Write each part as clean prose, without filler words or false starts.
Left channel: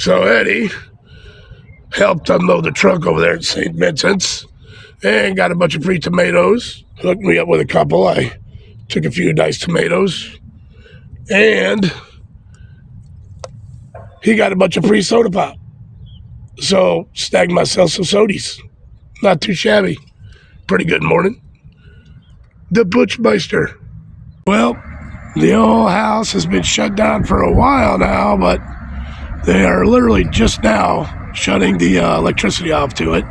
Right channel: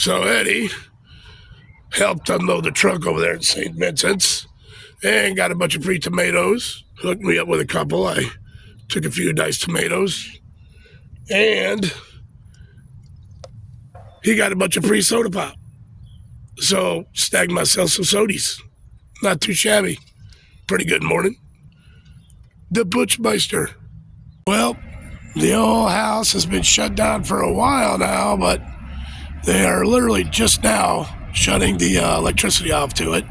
So Eddie helped unload the truck over there at St. Vincent's and got a bunch of free tomatoes. Hooked me up with a couple. I took a few nice tomatoes. And he got a bunch of free soda pop. So snagged myself some sodies. Not too shabby. Pretty good morning. The Butchmeister. Well, the old house has been shut down for a while now, but they are literally just now shutting the electricity off to it.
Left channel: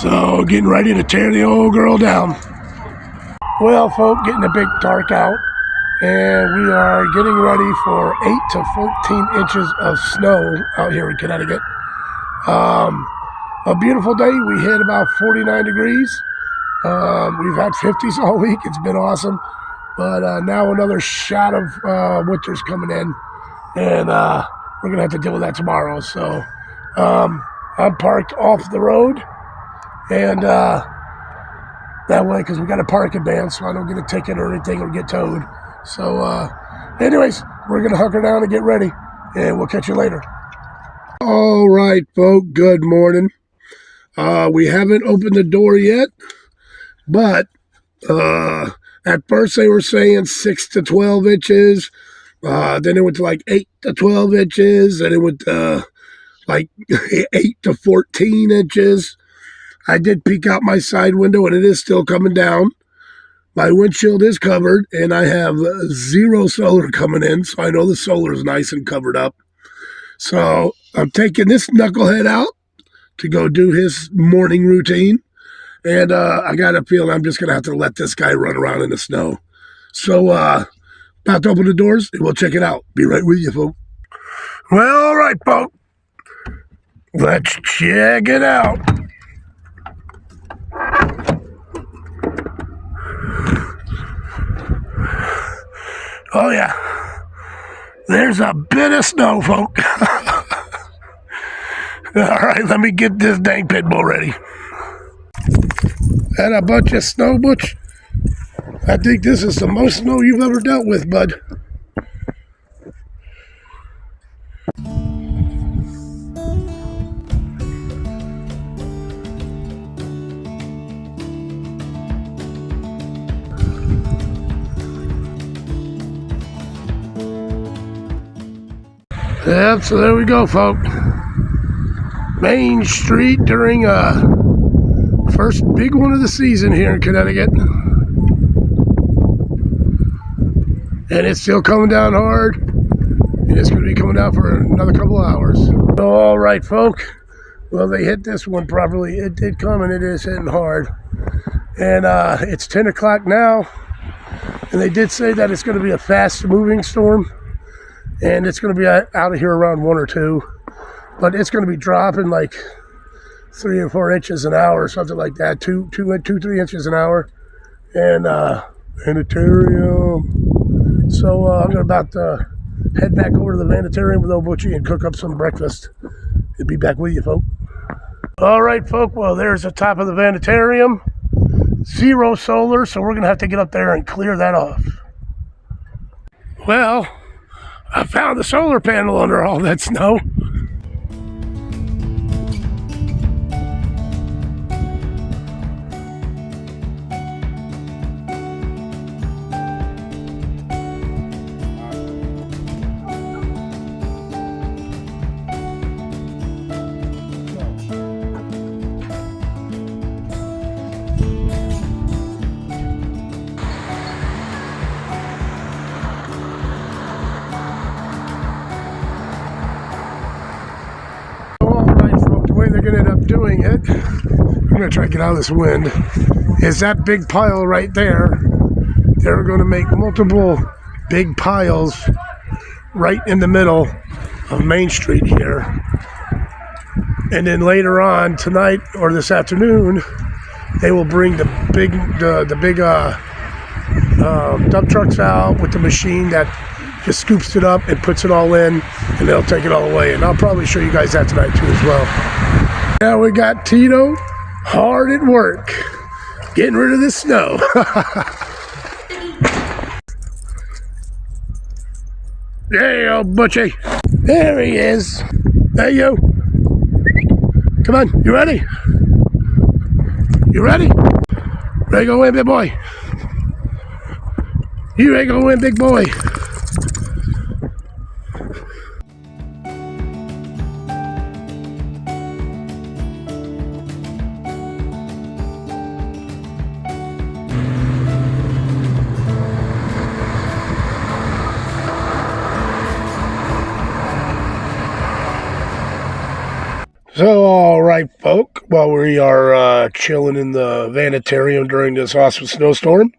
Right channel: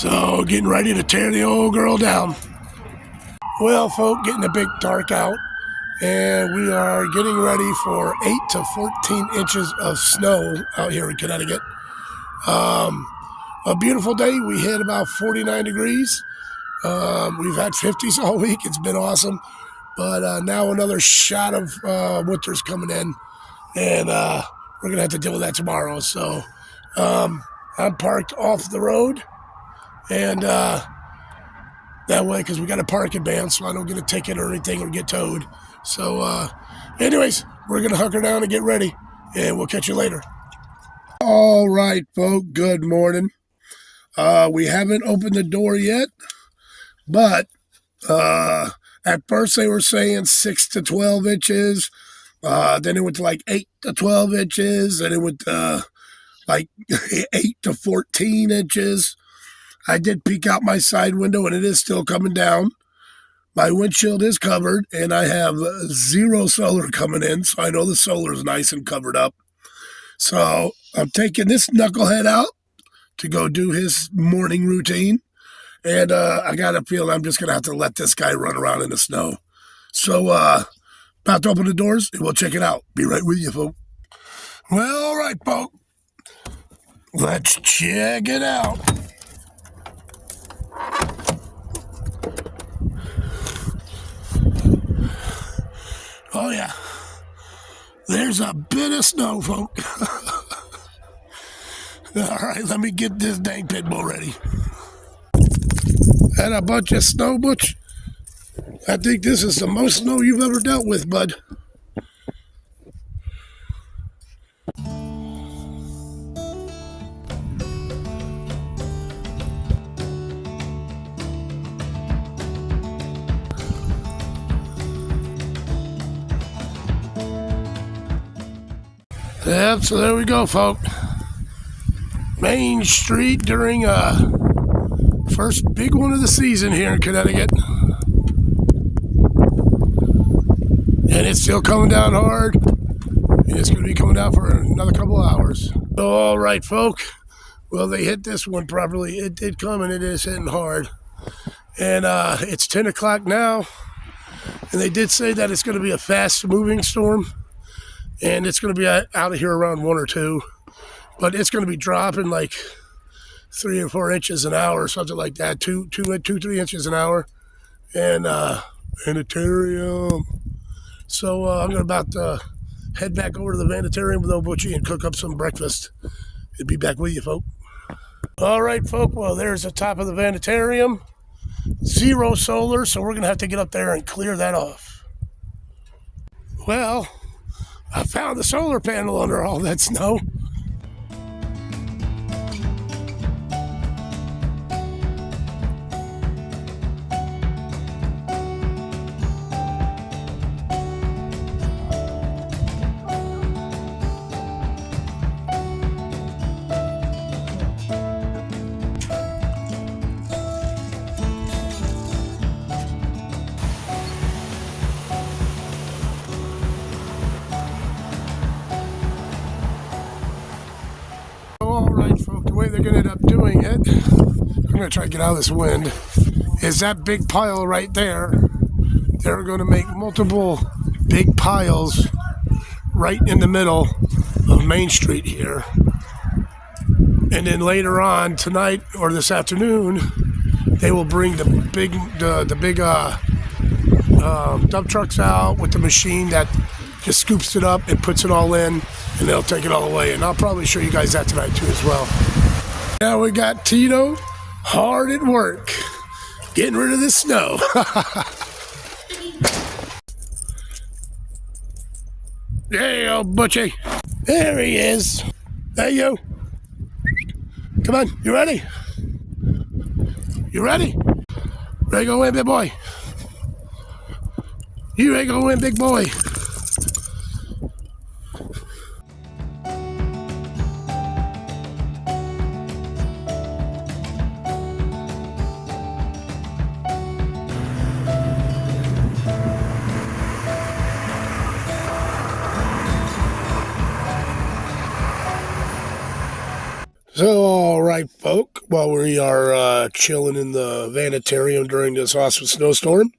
So getting ready to tear the old girl down. Well, folk, getting a bit dark out, and we are getting ready for 8 to 14 inches of snow out here in Connecticut. A beautiful day. We hit about 49 degrees. We've had 50s all week. It's been awesome. But now another shot of winter's coming in, and we're going to have to deal with that tomorrow. So I'm parked off the road, and that way, because we got a parking ban, so I don't get a ticket or anything or get towed. So anyways, we're going to hunker down and get ready, and we'll catch you later. All right, folks, good morning. We haven't opened the door yet, but at first they were saying 6 to 12 inches. Then it went to like 8 to 12 inches. Then it went to like 8 to 14 inches. I did peek out my side window, and it is still coming down. My windshield is covered, and I have zero solar coming in, so I know the solar is nice and covered up. So I'm taking this knucklehead out to go do his morning routine. And I got a feeling I'm just going to have to let this guy run around in the snow. So about to open the doors, and we'll check it out. Be right with you, folks. Well, all right, folks. Let's check it out. Oh, yeah. There's a bit of snow, folks. All right, let me get this dang pit bull ready. And a bunch of snow, Butch. I think this is the most snow you've ever dealt with, bud. Yep, so there we go, folks. Main Street during first big one of the season here in Connecticut. And it's still coming down hard. And it's going to be coming down for another couple of hours. All right, folk. Well, they hit this one properly. It did come, and it is hitting hard. And it's 10 o'clock now. And they did say that it's going to be a fast-moving storm. And it's going to be out of here around 1 or 2. But it's going to be dropping like 3 or 4 inches an hour, something like that. 3 inches an hour. And Vanitarium. So I'm about to head back over to the Vanitarium with old Butchie and cook up some breakfast. And be back with you, folk. All right, folk. Well, there's the top of the Vanitarium. Zero solar, so we're going to have to get up there and clear that off. Well, I found the solar panel under all that snow. I'm going to try to get out of this wind, is that big pile right there. They're going to make multiple big piles right in the middle of Main Street here. And then later on tonight or this afternoon, they will bring the big dump trucks out with the machine that just scoops it up and puts it all in, and they'll take it all away. And I'll probably show you guys that tonight too as well. Now we got Tito hard at work, getting rid of the snow. Hey, old Butchie. There he is. Hey, you. Come on, you ready? You ready? Ready to go in, big boy? You ain't gonna win, big boy. So, all right, folk, while we are chilling in the vanitarium during this awesome snowstorm,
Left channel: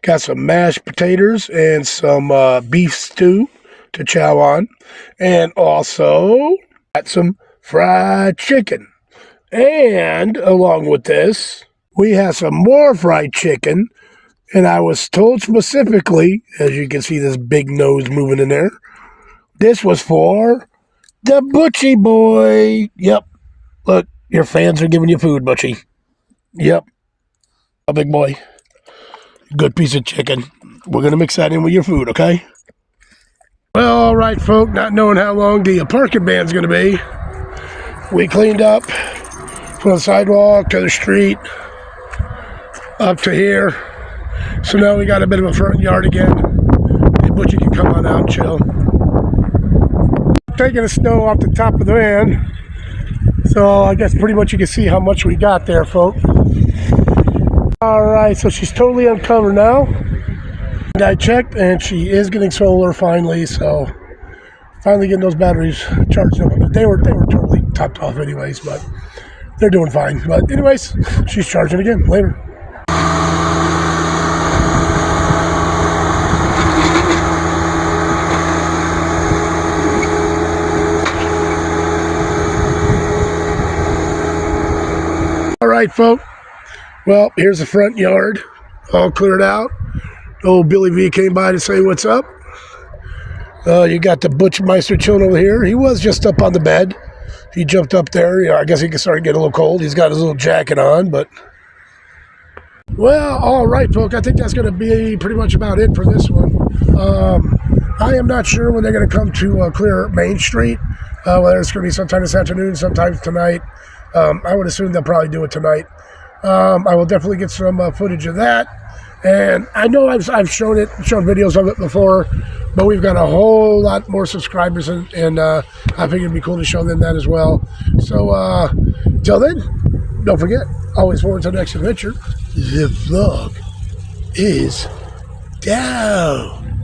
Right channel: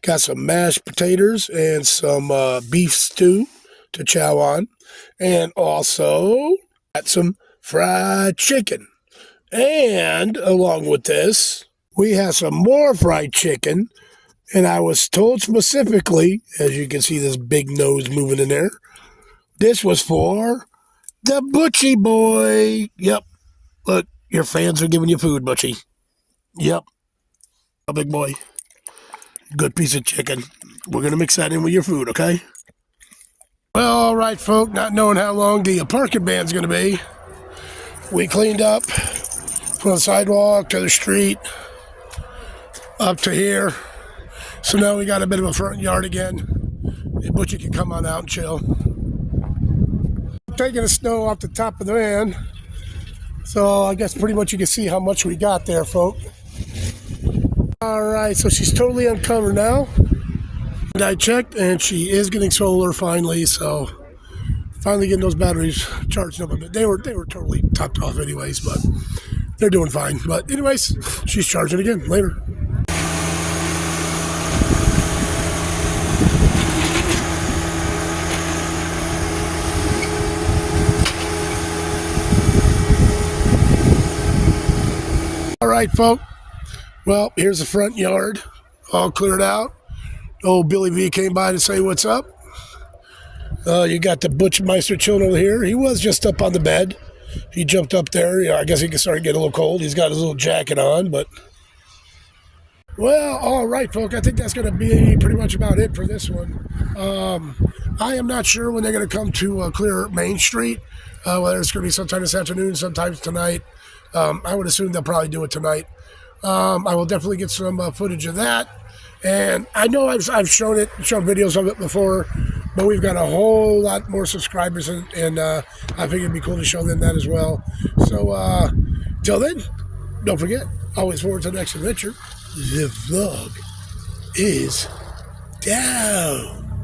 got some mashed potatoes and some beef stew to chow on, and also got some fried chicken. And along with this, we have some more fried chicken, and I was told specifically, as you can see this big nose moving in there, this was for the Butchie boy. Yep. Look, your fans are giving you food, Butchie. Yep. A big boy. Good piece of chicken. We're going to mix that in with your food, okay? Well, all right, folk. Not knowing how long the parking ban's going to be, we cleaned up from the sidewalk to the street up to here. So now we got a bit of a front yard again. Hey, Butchie can come on out and chill. Taking the snow off the top of the van. So I guess pretty much you can see how much we got there, folk. All right, so she's totally uncovered now. And I checked, and she is getting solar finally. So finally getting those batteries charged up. They were totally topped off anyways, but they're doing fine. But anyways, she's charging again later. All right, folk. Well, here's the front yard, all cleared out. Old Billy V came by to say what's up. You got the Butchmeister chilling over here. He was just up on the bed. He jumped up there. I guess he started getting a little cold. He's got his little jacket on, but... Well, all right, folk. I think that's going to be pretty much about it for this one. I am not sure when they're going to come to clear Main Street, whether it's going to be sometime this afternoon, sometimes tonight. I would assume they'll probably do it tonight. I will definitely get some footage of that. And I know I've shown videos of it before, but we've got a whole lot more subscribers, and I figured it'd be cool to show them that as well. So, till then, don't forget, always forward to the next adventure. The vlog is down.